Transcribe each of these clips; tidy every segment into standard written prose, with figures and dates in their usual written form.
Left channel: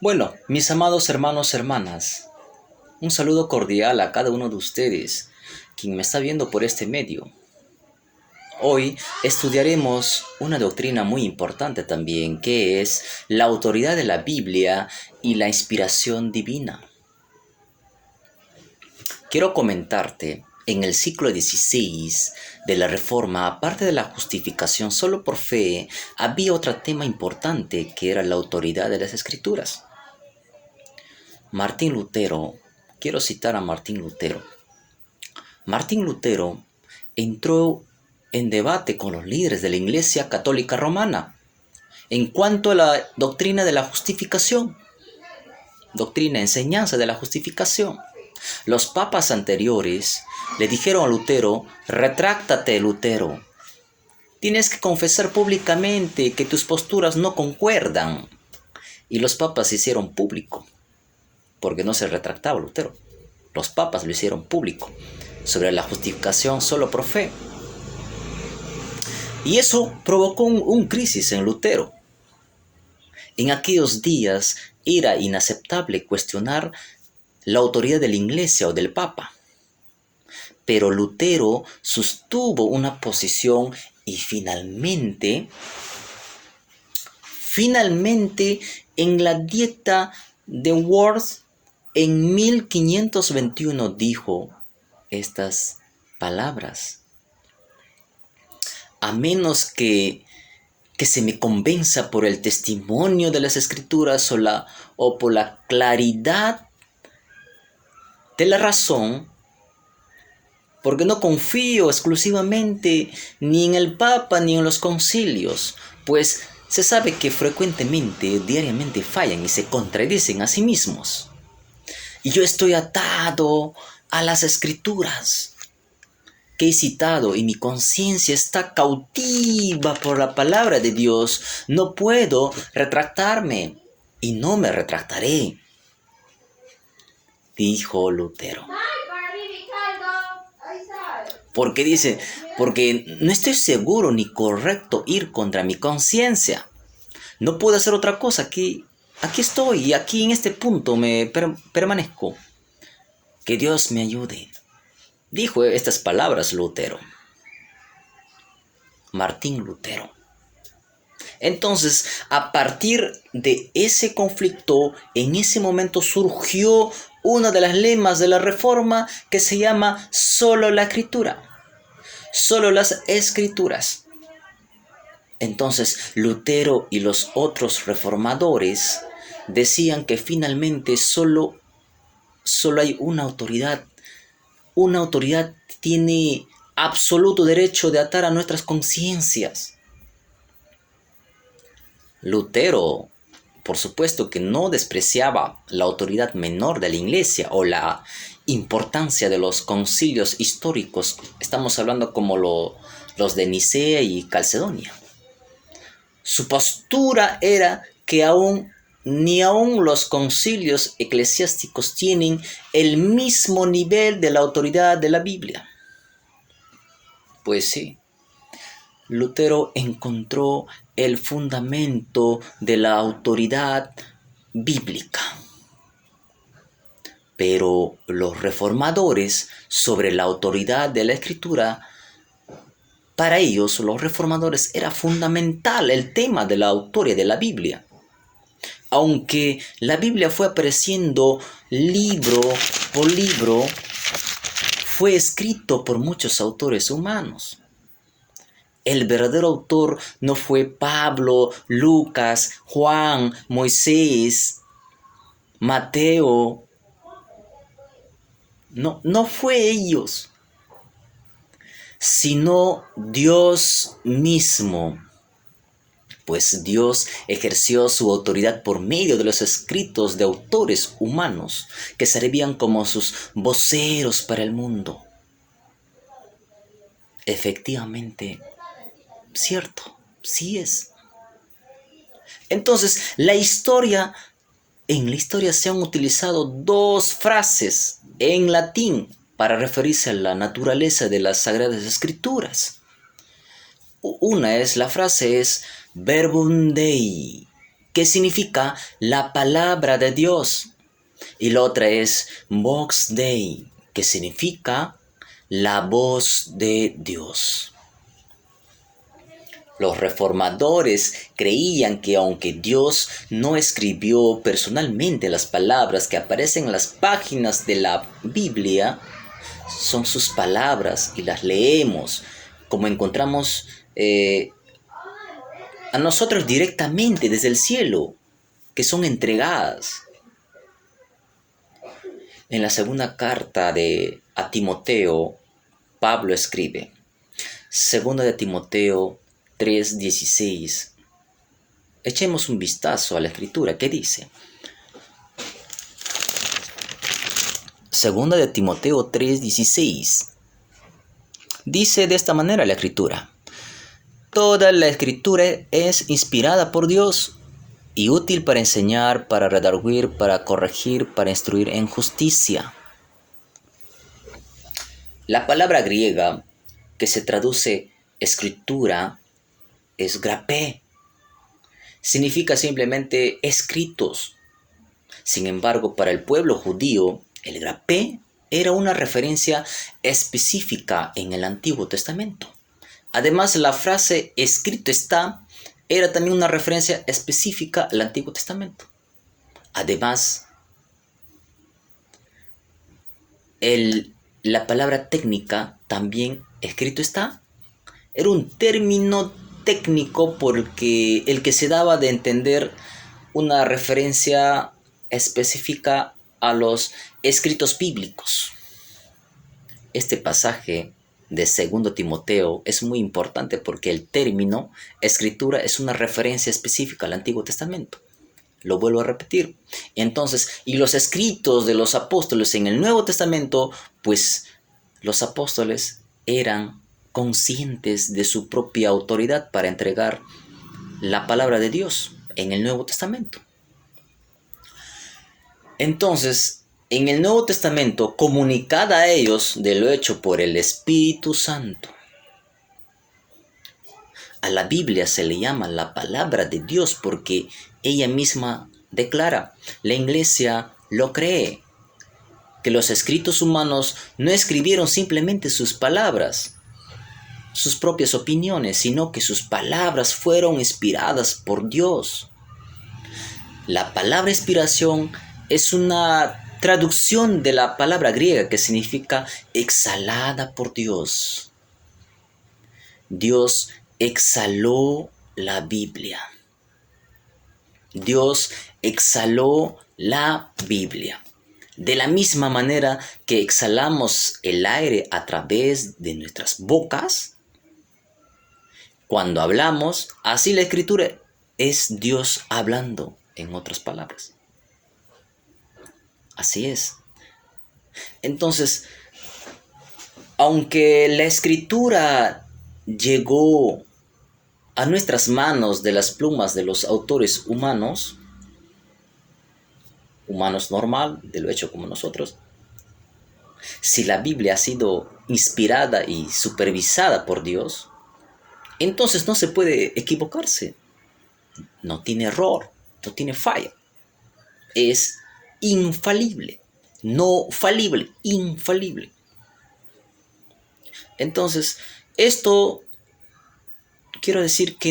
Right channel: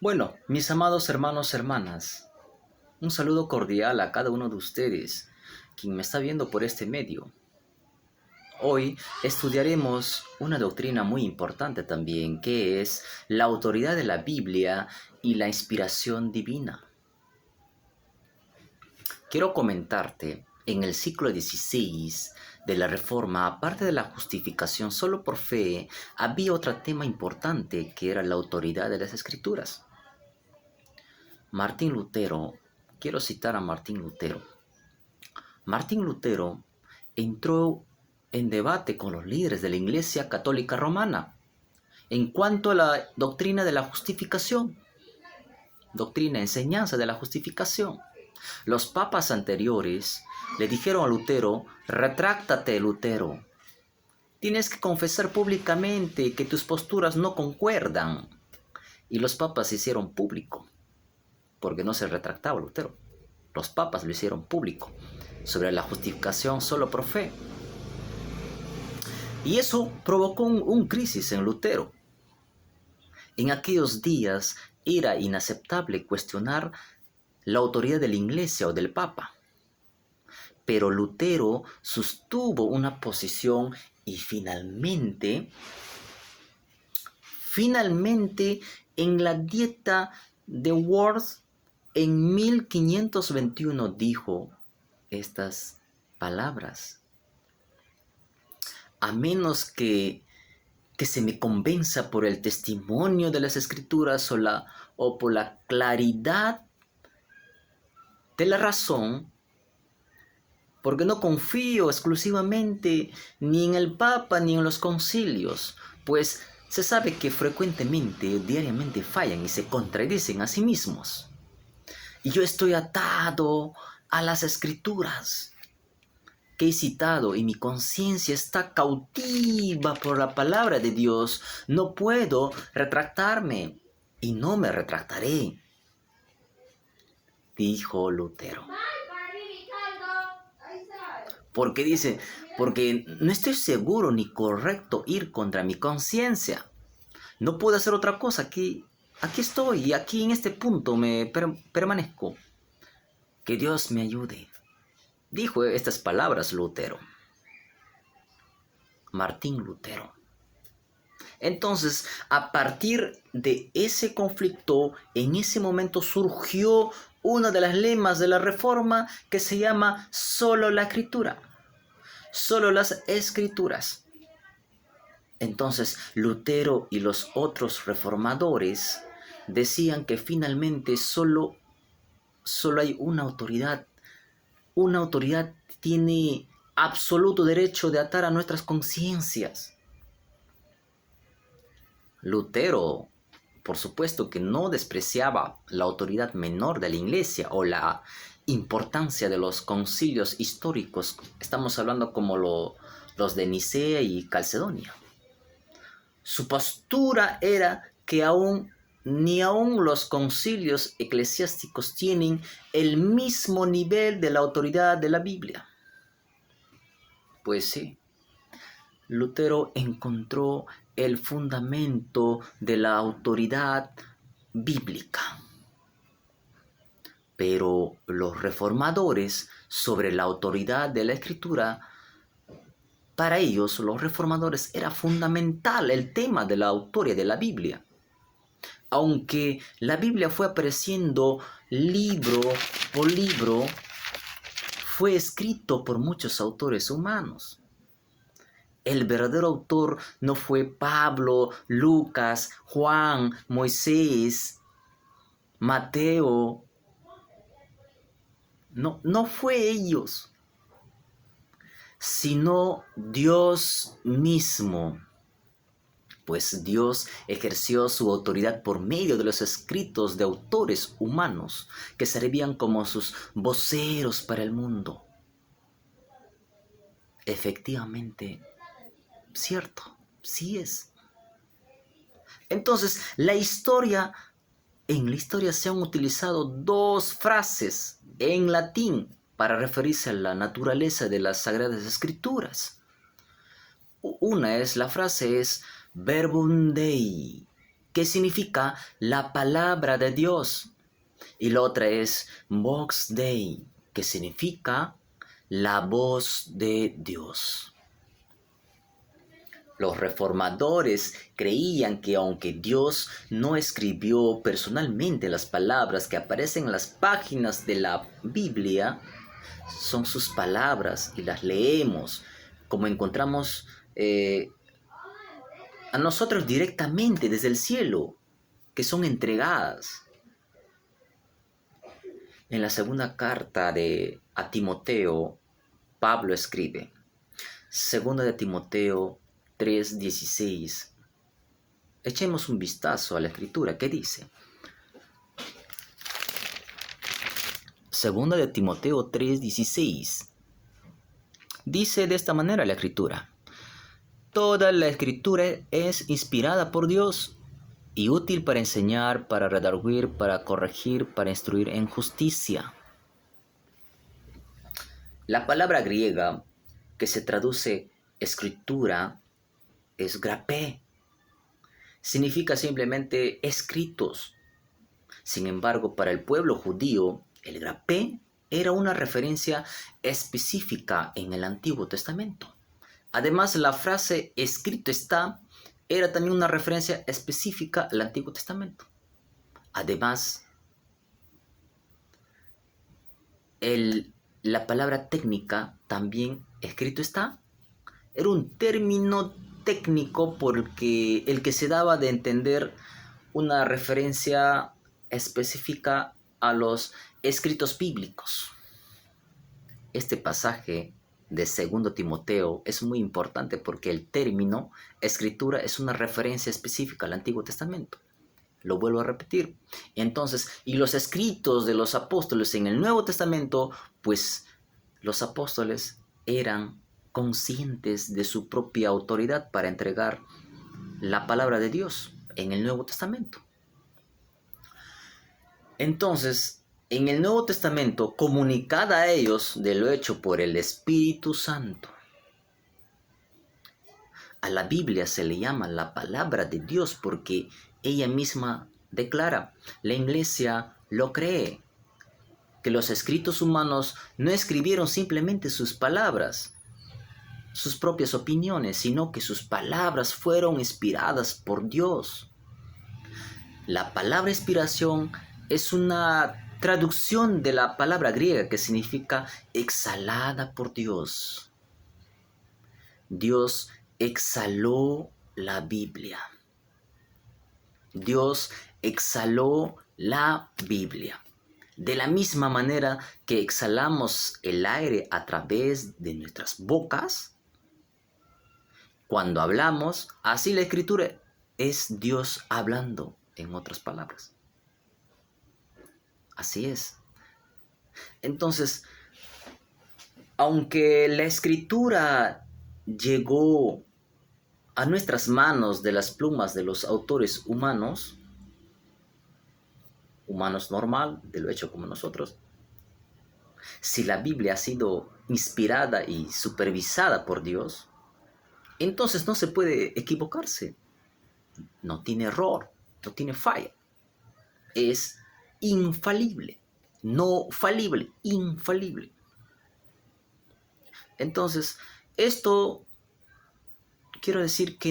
Bueno, mis amados hermanos, hermanas, un saludo cordial a cada uno de ustedes, quien me está viendo por este medio. Hoy estudiaremos una doctrina muy importante también, que es la autoridad de la Biblia y la inspiración divina. Quiero comentarte, en el siglo XVI de la Reforma, aparte de la justificación solo por fe, había otro tema importante que era la autoridad de las Escrituras. Martín Lutero, quiero citar a Martín Lutero. Martín Lutero entró en debate con los líderes de la Iglesia Católica Romana en cuanto a la doctrina de la justificación, enseñanza de la justificación. Los papas anteriores le dijeron a Lutero: retráctate, Lutero. Tienes que confesar públicamente que tus posturas no concuerdan. Y los papas se hicieron público, porque no se retractaba Lutero. Los papas lo hicieron público sobre la justificación solo por fe. Y eso provocó un crisis en Lutero. En aquellos días era inaceptable cuestionar la autoridad de la Iglesia o del Papa. Pero Lutero sostuvo una posición y finalmente en la Dieta de Worms en 1521 dijo estas palabras: a menos que se me convenza por el testimonio de las Escrituras o por la claridad de la razón, porque no confío exclusivamente ni en el Papa ni en los concilios, pues se sabe que frecuentemente, diariamente fallan y se contradicen a sí mismos. Y yo estoy atado a las Escrituras que he citado y mi conciencia está cautiva por la palabra de Dios. No puedo retractarme y no me retractaré, dijo Lutero. Porque dice, porque no estoy seguro ni correcto ir contra mi conciencia. No puedo hacer otra cosa. Aquí estoy y aquí en este punto me permanezco. Que Dios me ayude. Dijo estas palabras Lutero. Martín Lutero. Entonces, a partir de ese conflicto, en ese momento surgió una de las lemas de la Reforma que se llama solo la Escritura. Solo las Escrituras. Entonces, Lutero y los otros reformadores decían que finalmente solo hay una autoridad. Una autoridad tiene absoluto derecho de atar a nuestras conciencias. Lutero, por supuesto que no despreciaba la autoridad menor de la Iglesia o la importancia de los concilios históricos. Estamos hablando como los de Nicea y Calcedonia. Su postura era que ni aun los concilios eclesiásticos tienen el mismo nivel de la autoridad de la Biblia. Pues sí, Lutero encontró el fundamento de la autoridad bíblica. Pero los reformadores, sobre la autoridad de la Escritura, para ellos, los reformadores, era fundamental el tema de la autoría de la Biblia. Aunque la Biblia fue apareciendo libro por libro, fue escrito por muchos autores humanos. El verdadero autor no fue Pablo, Lucas, Juan, Moisés, Mateo. No fue ellos, sino Dios mismo. Pues Dios ejerció su autoridad por medio de los escritos de autores humanos que servían como sus voceros para el mundo. Efectivamente, cierto, sí es. Entonces, en la historia se han utilizado dos frases en latín para referirse a la naturaleza de las Sagradas Escrituras. La frase es verbum Dei, que significa la palabra de Dios. Y la otra es vox Dei, que significa la voz de Dios. Los reformadores creían que aunque Dios no escribió personalmente las palabras que aparecen en las páginas de la Biblia, son sus palabras y las leemos como encontramos a nosotros directamente desde el cielo, que son entregadas. En la segunda carta a Timoteo, Pablo escribe, segunda de Timoteo 3:16. Echemos un vistazo a la escritura. ¿Qué dice? Segunda de Timoteo 3:16. Dice de esta manera la escritura: toda la escritura es inspirada por Dios y útil para enseñar, para redarguir, para corregir, para instruir en justicia. La palabra griega que se traduce escritura es grapé. Significa simplemente escritos. Sin embargo, para el pueblo judío, el grapé era una referencia específica en el Antiguo Testamento. Además, la frase escrito está era también una referencia específica al Antiguo Testamento. Además, la palabra técnica también escrito está era un término técnico por el que se daba de entender una referencia específica a los escritos bíblicos. Este pasaje de 2 Timoteo es muy importante porque el término escritura es una referencia específica al Antiguo Testamento. Lo vuelvo a repetir. Entonces, y los escritos de los apóstoles en el Nuevo Testamento, pues los apóstoles eran conscientes de su propia autoridad para entregar la palabra de Dios en el Nuevo Testamento. Entonces, en el Nuevo Testamento, comunicada a ellos de lo hecho por el Espíritu Santo. A la Biblia se le llama la palabra de Dios porque ella misma declara, la Iglesia lo cree, que los escritos humanos no escribieron simplemente sus palabras, sus propias opiniones, sino que sus palabras fueron inspiradas por Dios. La palabra inspiración es una traducción de la palabra griega que significa exhalada por Dios. Dios exhaló la Biblia. Dios exhaló la Biblia. De la misma manera que exhalamos el aire a través de nuestras bocas, cuando hablamos, así la escritura es Dios hablando, en otras palabras. Así es. Entonces, aunque la escritura llegó a nuestras manos de las plumas de los autores humanos normal, de lo hecho como nosotros, si la Biblia ha sido inspirada y supervisada por Dios, entonces no se puede equivocarse. No tiene error, no tiene falla. Es infalible. No falible, infalible. Entonces, esto quiero decir que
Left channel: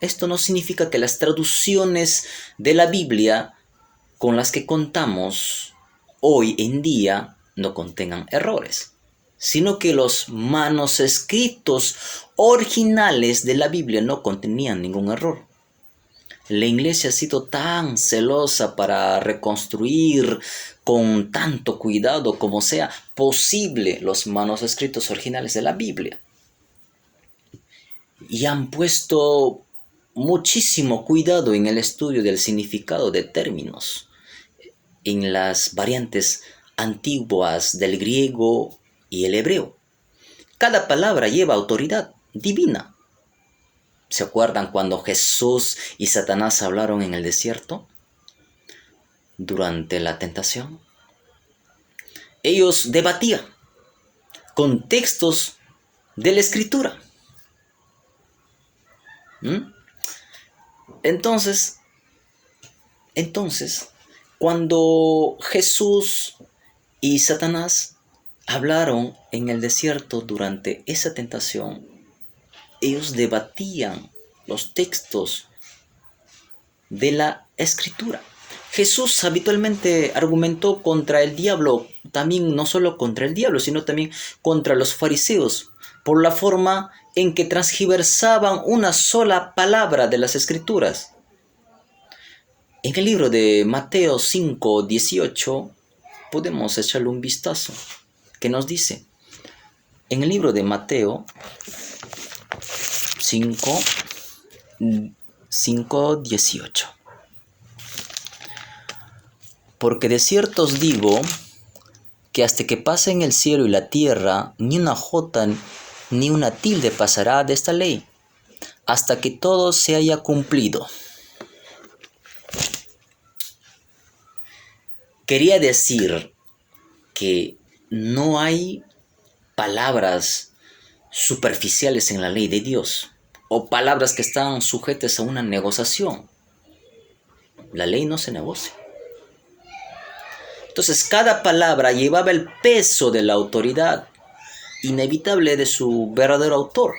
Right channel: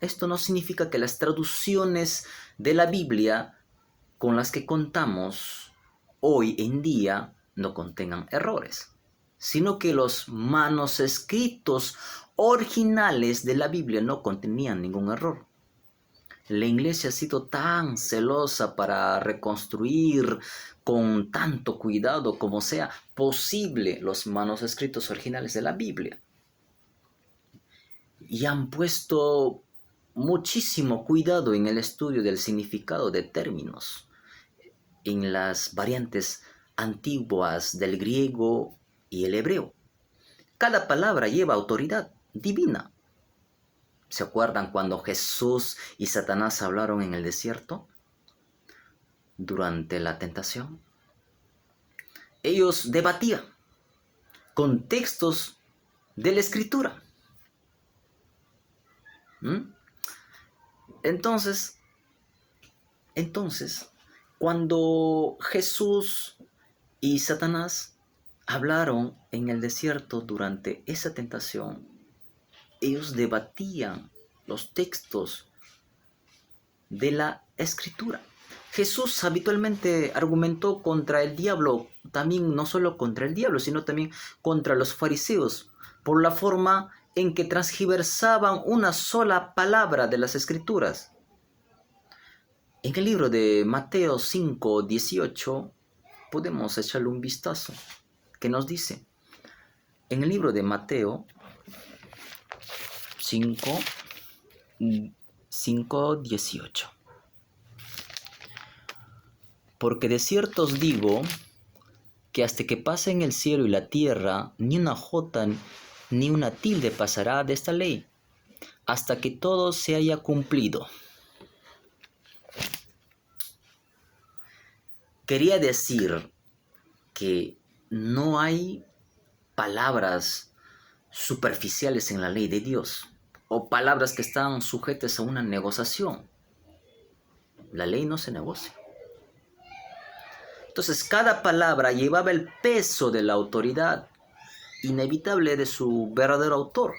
esto no significa que las traducciones de la Biblia con las que contamos hoy en día no contengan errores, sino que los manuscritos originales de la Biblia no contenían ningún error. La Iglesia ha sido tan celosa para reconstruir con tanto cuidado como sea posible los manuscritos originales de la Biblia. Y han puesto muchísimo cuidado en el estudio del significado de términos, en las variantes antiguas del griego y el hebreo. Cada palabra lleva autoridad divina. ¿Se acuerdan cuando Jesús y Satanás hablaron en el desierto durante la tentación? ellos debatían con textos de la Escritura. ¿Mm? Entonces, cuando Jesús y Satanás hablaron en el desierto durante esa tentación, ellos debatían los textos de la Escritura. Jesús habitualmente argumentó contra el diablo, también no solo contra el diablo, sino también contra los fariseos, por la forma en que transgiversaban una sola palabra de las Escrituras. En el libro de Mateo 5:18 podemos echarle un vistazo. ¿Qué nos dice? En el libro de Mateo 5:18. Porque de cierto os digo que hasta que pasen el cielo y la tierra, ni una jota ni una tilde pasará de esta ley, hasta que todo se haya cumplido. Quería decir que no hay palabras superficiales en la ley de Dios o palabras que están sujetas a una negociación. La ley no se negocia. Entonces, cada palabra llevaba el peso de la autoridad inevitable de su verdadero autor.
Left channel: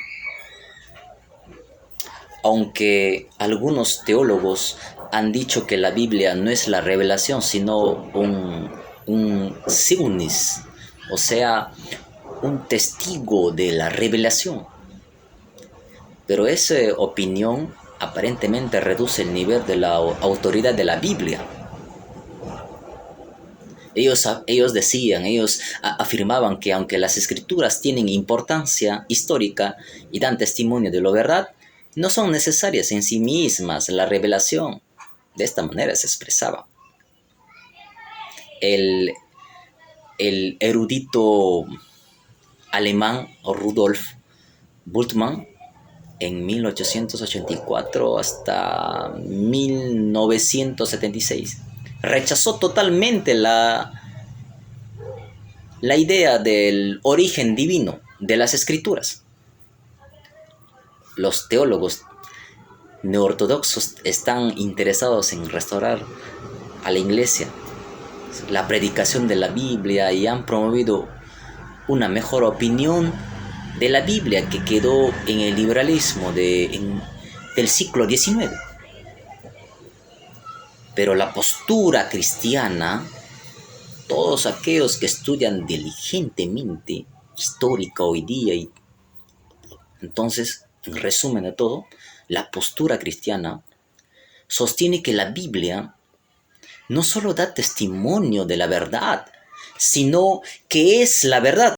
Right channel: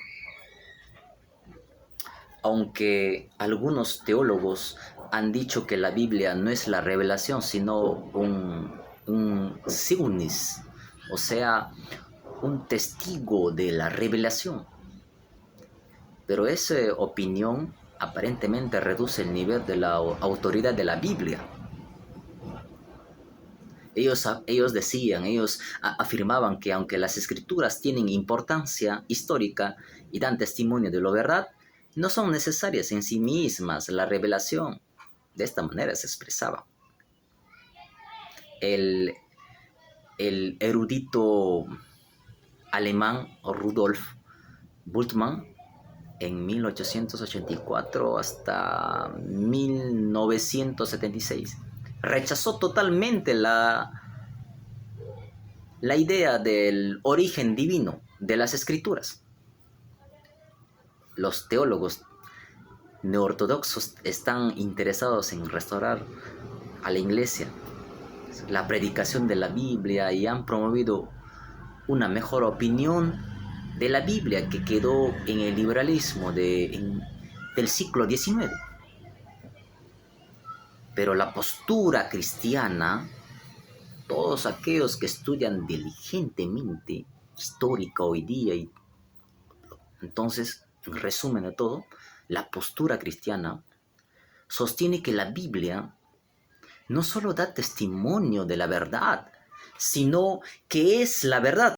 Aunque algunos teólogos han dicho que la Biblia no es la revelación, sino un signis, o sea, un testigo de la revelación. Pero esa opinión aparentemente reduce el nivel de la autoridad de la Biblia. Ellos afirmaban que aunque las escrituras tienen importancia histórica y dan testimonio de lo verdad, no son necesarias en sí mismas la revelación. De esta manera se expresaba. El erudito alemán Rudolf Bultmann, en 1884 hasta 1976, rechazó totalmente la idea del origen divino de las escrituras. Los teólogos neortodoxos están interesados en restaurar a la iglesia, la predicación de la Biblia, y han promovido una mejor opinión de la Biblia que quedó en el liberalismo del siglo XIX. Pero la postura cristiana, todos aquellos que estudian diligentemente histórica hoy día, y entonces, en resumen de todo, la postura cristiana sostiene que la Biblia no solo da testimonio de la verdad, sino que es la verdad.